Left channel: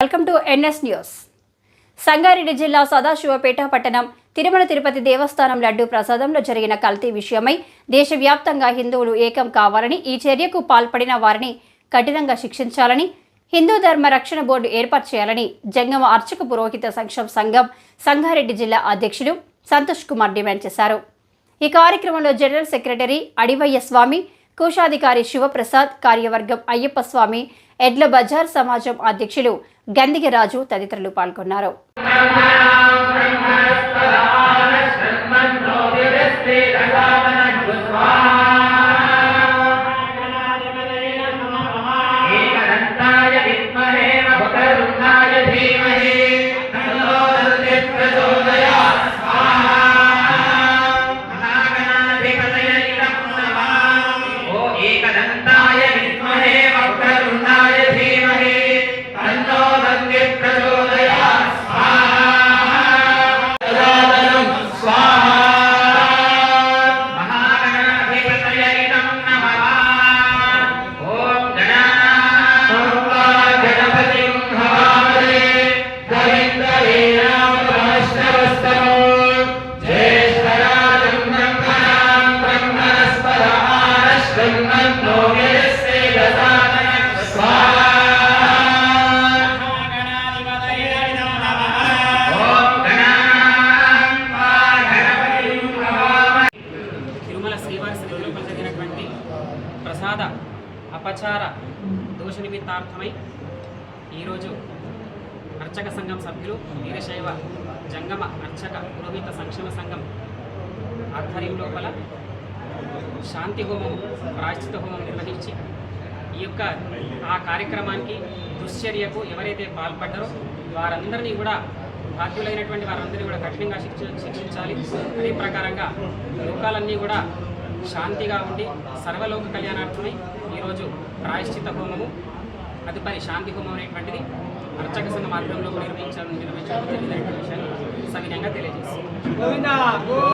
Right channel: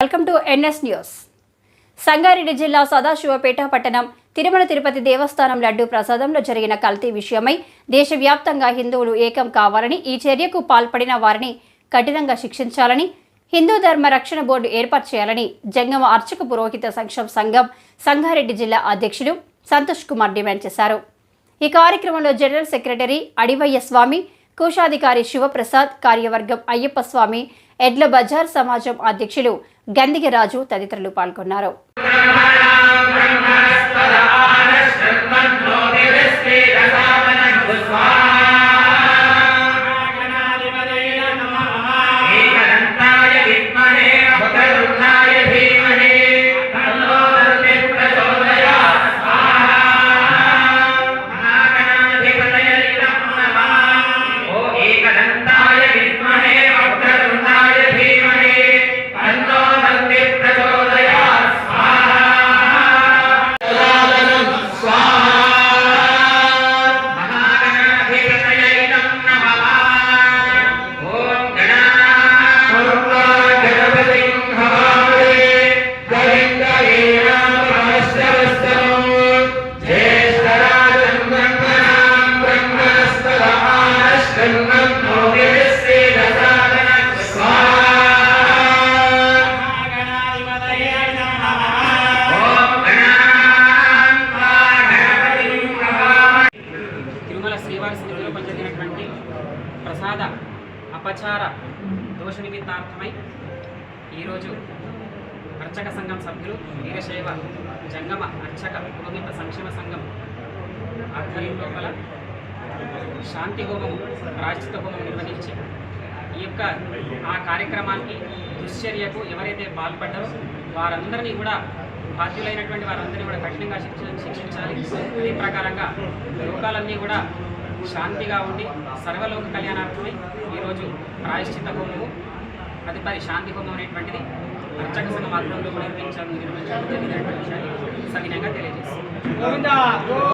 Welcome to NS news. Sangareddy జిల్లా సదాశివపేట పట్టణం తిరుమల తిరుపతి దేవస్థానం లడ్డు ప్రసాదంలో జరిగిన కల్తీ విషయమై దేశవ్యాప్తంగా హిందువులు ఏకం కావాలని ఈ చర్యకు పాల్పడిన వారిని కఠినంగా శిక్షించాలని హిందూ ధర్మ రక్షణ బోర్డు ఏర్పాటు చేయాలని జంగమ అర్చక పురోహిత సంక్షేమ సంఘం సంగారెడ్డి జిల్లా అధ్యక్షులు సంతోష్ కుమార్ డిమాండ్ చేశారు. ఈ కార్యక్రమంలో జనరల్ సెక్రటరీ అడివయ్య స్వామి కోశాధికారి శివప్రసాద్ కార్యవర్గం అయ్యప్ప స్వామి ఎడ్ల బజార్ సమాజం అధ్యక్షులు గందిగరాజు తదితరులు పాల్గొన్నారు. ప్రసాద అపచార దోష నిమిత్తార్థమై ఈరోజు అర్చక సంఘం సభ్యులు వీరశైవ జంగమ అర్చక పురోహిత సంక్షేమ సంఘం ఆధ్వర్యం లోపల శాంతి హోమం ప్రాశ్చిత హోమం నిర్వహించి ఈ యొక్క ఆ కార్యక్రమానికి దుశ్చర్యకు ఎవరైతే పాల్పడ్డారో వారందరినీ కూడా బాధ్యులైనటువంటి వారందరినీ కూడా కఠినంగా శిక్ష శిక్షించాలి. అదే ప్రకారంగా లోకాలన్నీ కూడా శాంతిగా ఉండి సర్వలోక కళ్యాణార్థమై ఈరోజు ప్రాయశ్చిత హోమము తదుపరి శాంతి హోమం అనేటువంటిది అర్చక సంఘం ఆధ్వర్యంలో నిర్వహించడం నిర్వహించడం జరిగినటువంటి విషయాన్ని సవినంగా తెలియజేస్తుంది.